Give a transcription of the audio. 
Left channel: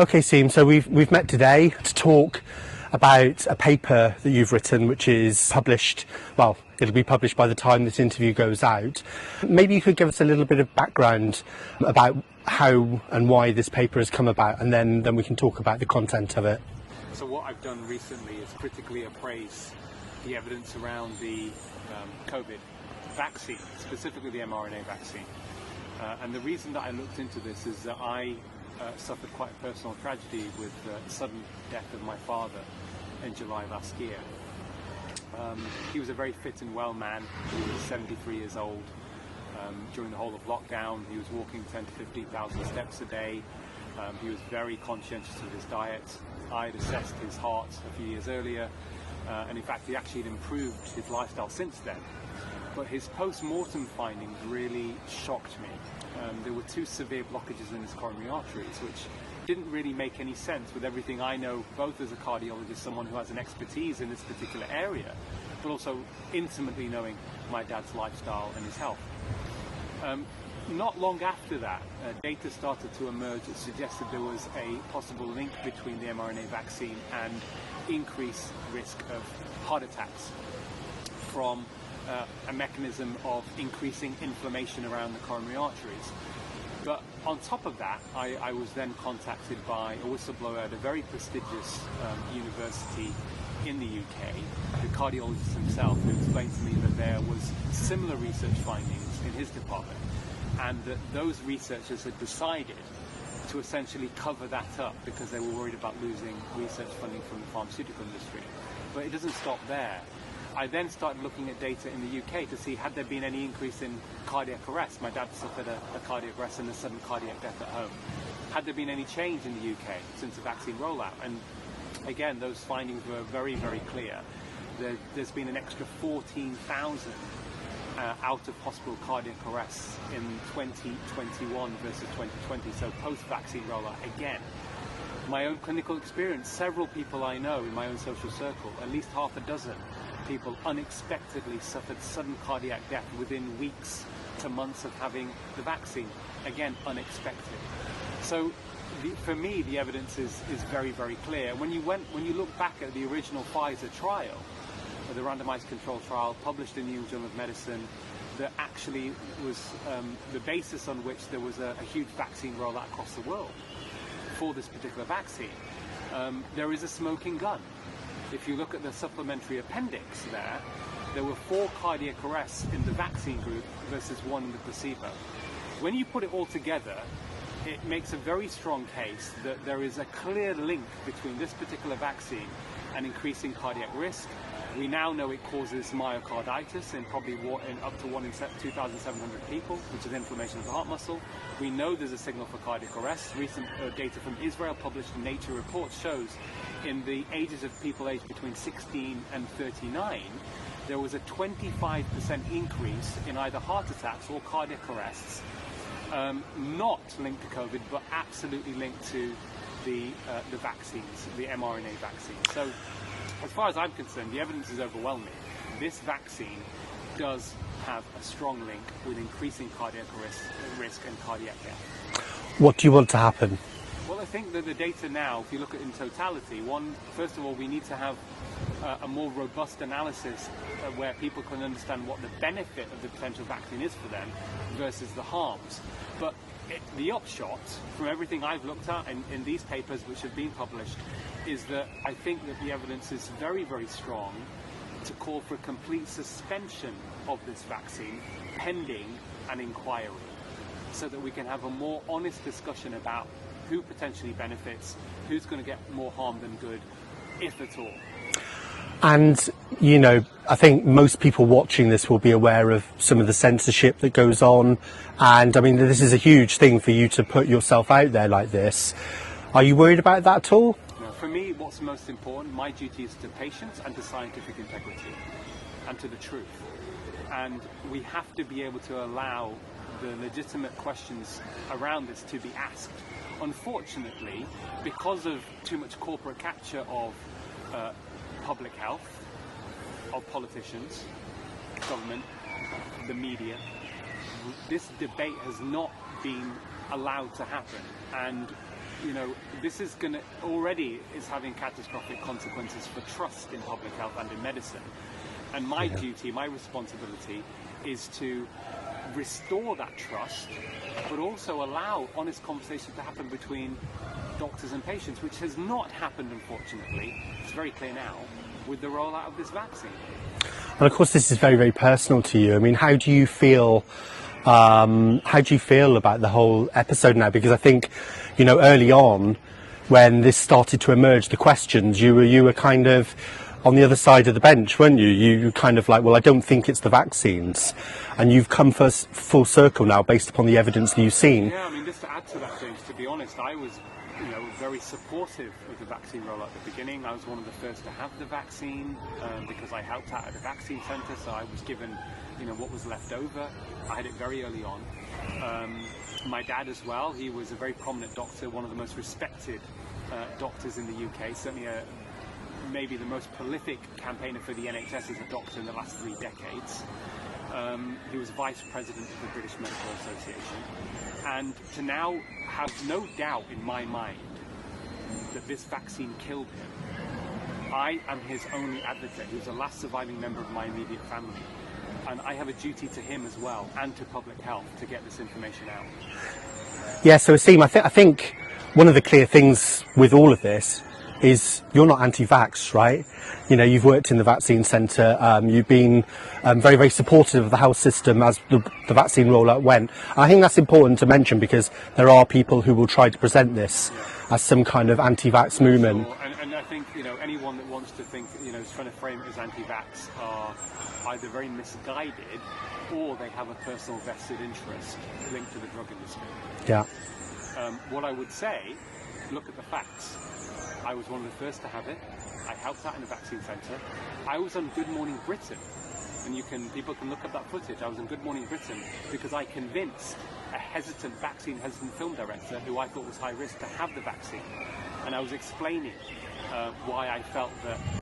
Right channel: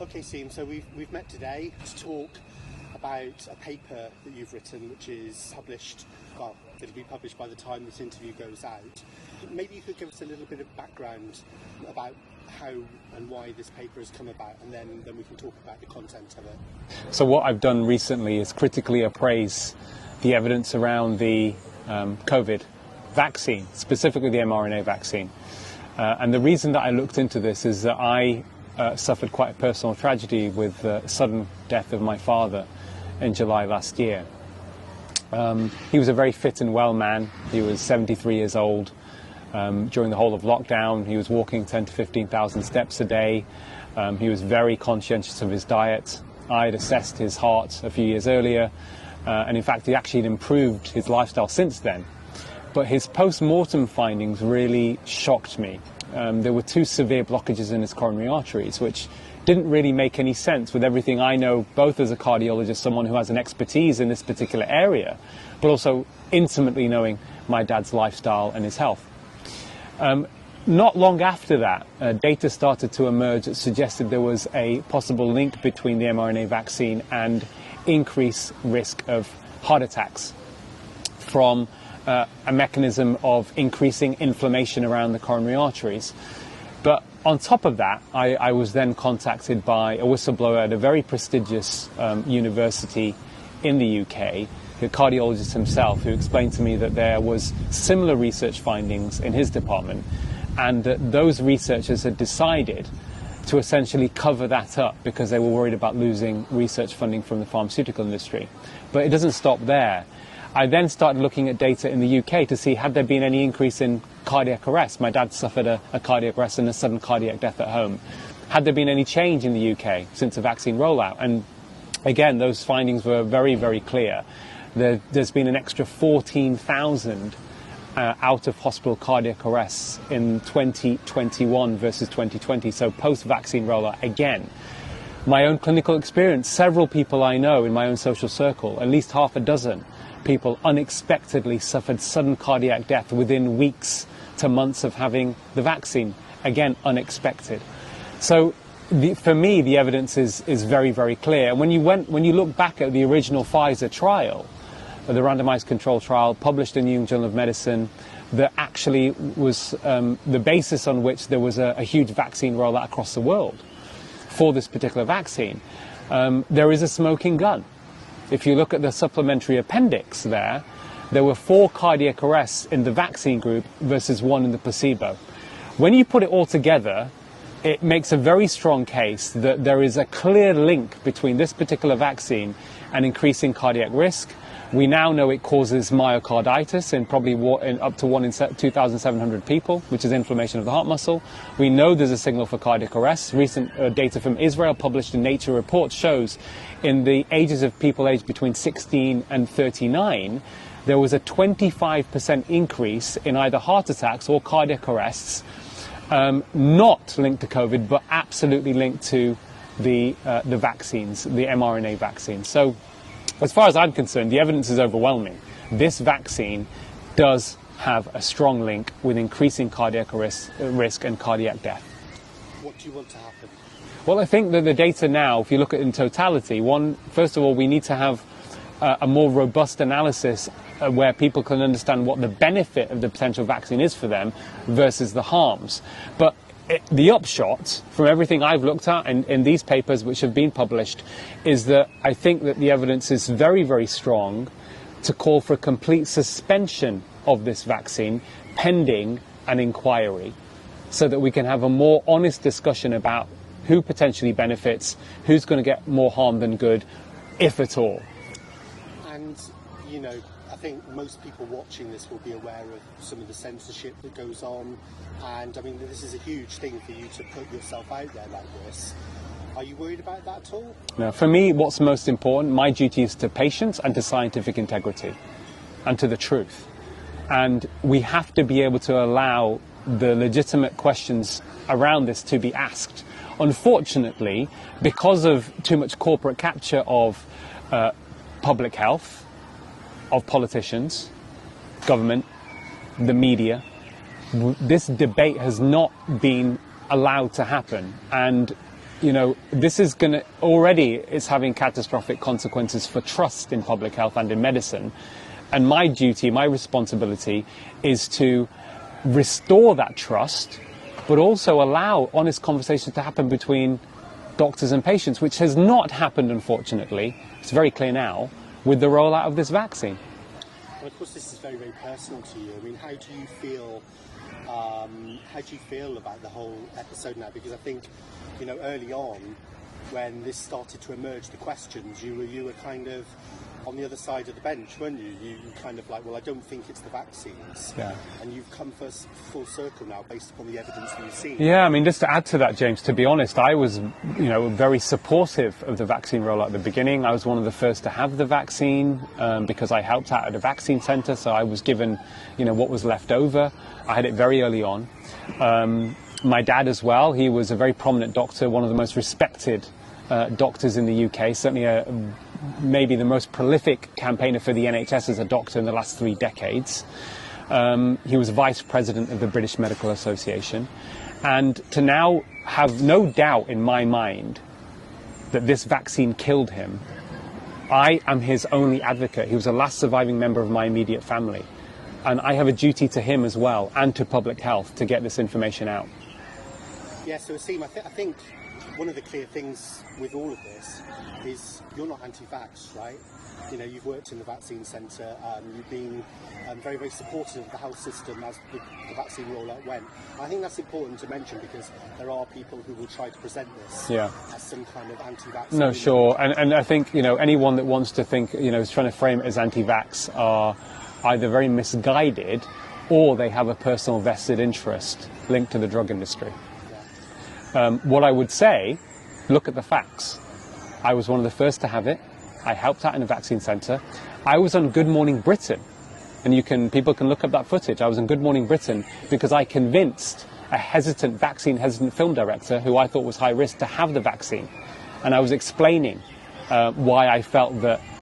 Okay, Seem, so we've met today to talk about a paper that you've written, which is published, well, it'll be published by the time this interview goes out. Maybe you could give us a little bit of background about how and why this paper has come about, and then we can talk about the content of it. So what I've done recently is critically appraise the evidence around the COVID vaccine, specifically the mRNA vaccine. And the reason that I looked into this is that I suffered quite a personal tragedy with the sudden death of my father in July last year. He was a very fit and well man. He was 73 years old. During the whole of lockdown, he was walking 10 to 15,000 steps a day. He was very conscientious of his diet. I had assessed his heart a few years earlier, and in fact he actually had improved his lifestyle since then. But his post-mortem findings really shocked me. There were 2 severe blockages in his coronary arteries, which didn't really make any sense with everything I know, both as a cardiologist, someone who has an expertise in this particular area, but also intimately knowing my dad's lifestyle and his health. Not long after that, data started to emerge that suggested there was a possible link between the mRNA vaccine and increased risk of heart attacks from a mechanism of increasing inflammation around the coronary arteries. But on top of that, I was then contacted by a whistleblower at a very prestigious university in the UK, the cardiologist himself, who explained to me that there was similar research findings in his department, and that those researchers had decided to essentially cover that up because they were worried about losing research funding from the pharmaceutical industry. But it doesn't stop there. I then started looking at data in the UK to see had there been any increase in cardiac arrest. My dad suffered a cardiac arrest and a sudden cardiac death at home. Had there been any change in the UK since the vaccine rollout? And again, those findings were very, very clear. There's been an extra 14,000 out-of-hospital cardiac arrests in 2021 versus 2020, so post-vaccine rollout again. My own clinical experience, several people I know in my own social circle, at least half a dozen people unexpectedly suffered sudden cardiac death within weeks to months of having the vaccine. Again, unexpected. So for me, the evidence is very, very clear. When you look back at the original Pfizer trial, the randomized control trial published in the New England Journal of Medicine, that actually was the basis on which there was a huge vaccine rollout across the world for this particular vaccine. There is a smoking gun. If you look at the supplementary appendix there were 4 cardiac arrests in the vaccine group versus 1 in the placebo. When you put it all together, it makes a very strong case that there is a clear link between this particular vaccine and increasing cardiac risk. We now know it causes myocarditis in probably up to 1 in 2,700 people, which is inflammation of the heart muscle. We know there's a signal for cardiac arrest. Recent data from Israel published in Nature Reports shows in the ages of people aged between 16 and 39, there was a 25% increase in either heart attacks or cardiac arrests, not linked to COVID, but absolutely linked to the vaccines, the mRNA vaccine. So, as far as I'm concerned, the evidence is overwhelming. This vaccine does have a strong link with increasing cardiac risk and cardiac death. What do you want to happen? Well, I think that the data now, if you look at it in totality, first of all, we need to have a more robust analysis where people can understand what the benefit of the potential vaccine is for them versus the harms. But the upshot from everything I've looked at in these papers which have been published is that I think that the evidence is very, very strong to call for a complete suspension of this vaccine pending an inquiry, so that we can have a more honest discussion about who potentially benefits, who's going to get more harm than good, if at all. And, you know, I think most people watching this will be aware of some of the censorship that goes on. And, I mean, this is a huge thing for you to put yourself out there like this. Are you worried about that at all? No, for me, what's most important, my duty is to patients and to scientific integrity and to the truth. And we have to be able to allow the legitimate questions around this to be asked. Unfortunately, because of too much corporate capture of public health, of politicians, government, the media, this debate has not been allowed to happen. And this is going to already it's having catastrophic consequences for trust in public health and in medicine. And my duty, my responsibility is to restore that trust, but also allow honest conversations to happen between doctors and patients, which has not happened, unfortunately. It's very clear now with the rollout of this vaccine. And of course, this is very, very personal to you. I mean, how do you feel about the whole episode now? Because I think, early on, when this started to emerge, the questions, you were kind of on the other side of the bench, weren't you? You kind of like, well, I don't think it's the vaccines. Yeah. And you've come full circle now based upon the evidence that you've seen. Yeah, I mean, just to add to that, James, to be honest, I was, very supportive of the vaccine rollout at the beginning. I was one of the first to have the vaccine because I helped out at a vaccine centre, so I was given, what was left over. I had it very early on. My dad as well, he was a very prominent doctor, one of the most respected doctors in the UK, certainly maybe the most prolific campaigner for the NHS as a doctor in the last 3 decades. He was vice president of the British Medical Association. And to now have no doubt in my mind that this vaccine killed him, I am his only advocate. He was the last surviving member of my immediate family. And I have a duty to him as well, and to public health, to get this information out. Yeah, so Asem, I think one of the clear things with all of this is you're not anti-vax, right? You've worked in the vaccine centre, you've been very, very supportive of the health system as the vaccine rollout went. And I think that's important to mention because there are people who will try to present this as some kind of anti-vax movement. Sure, and I think, anyone that wants to think, is trying to frame it as anti-vax are either very misguided or they have a personal vested interest linked to the drug industry. Yeah. What I would say, look at the facts. I was one of the first to have it. I helped out in a vaccine centre. I was on Good Morning Britain, and people can look up that footage. I was on Good Morning Britain because I convinced a vaccine-hesitant film director who I thought was high risk to have the vaccine. And I was explaining why I felt that